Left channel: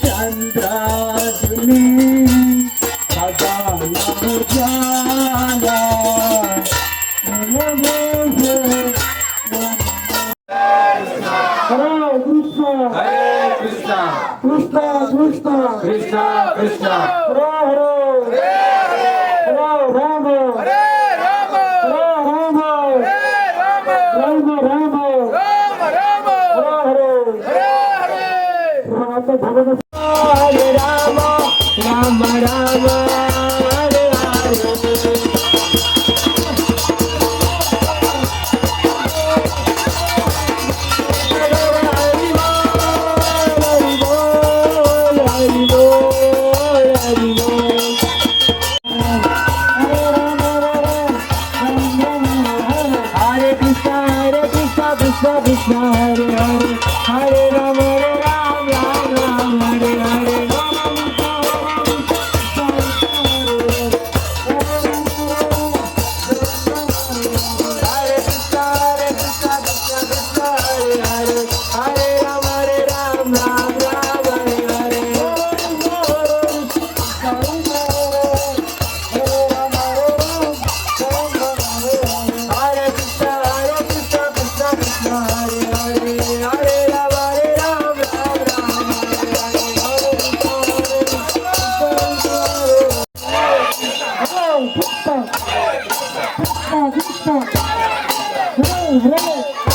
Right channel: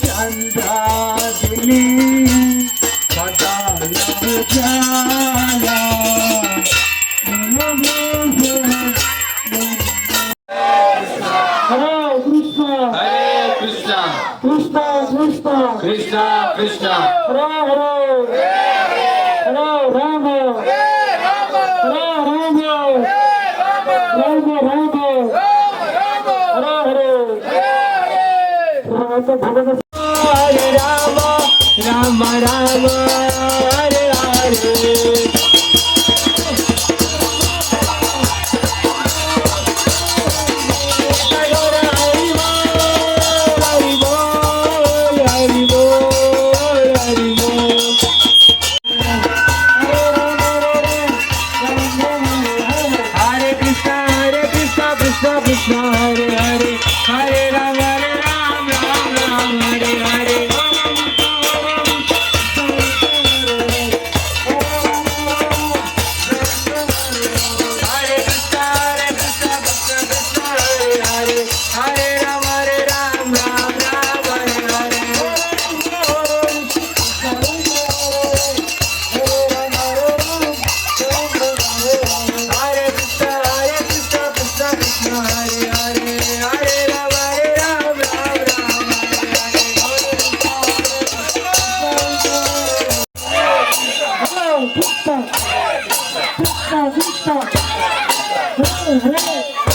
चंद्रा दिली सदा जाला Krishna Krishna Hare Rama Rama Rama Hare Hare Krishna Krishna Hare Hare Hare Ram Ram Ram Hare Hare Hare Krishna Krishna Krishna Hare Hare Hare Ram Ram Ram Hare Hare Hare Krishna Krishna Krishna Hare Hare Hare Ram Ram Hare Hare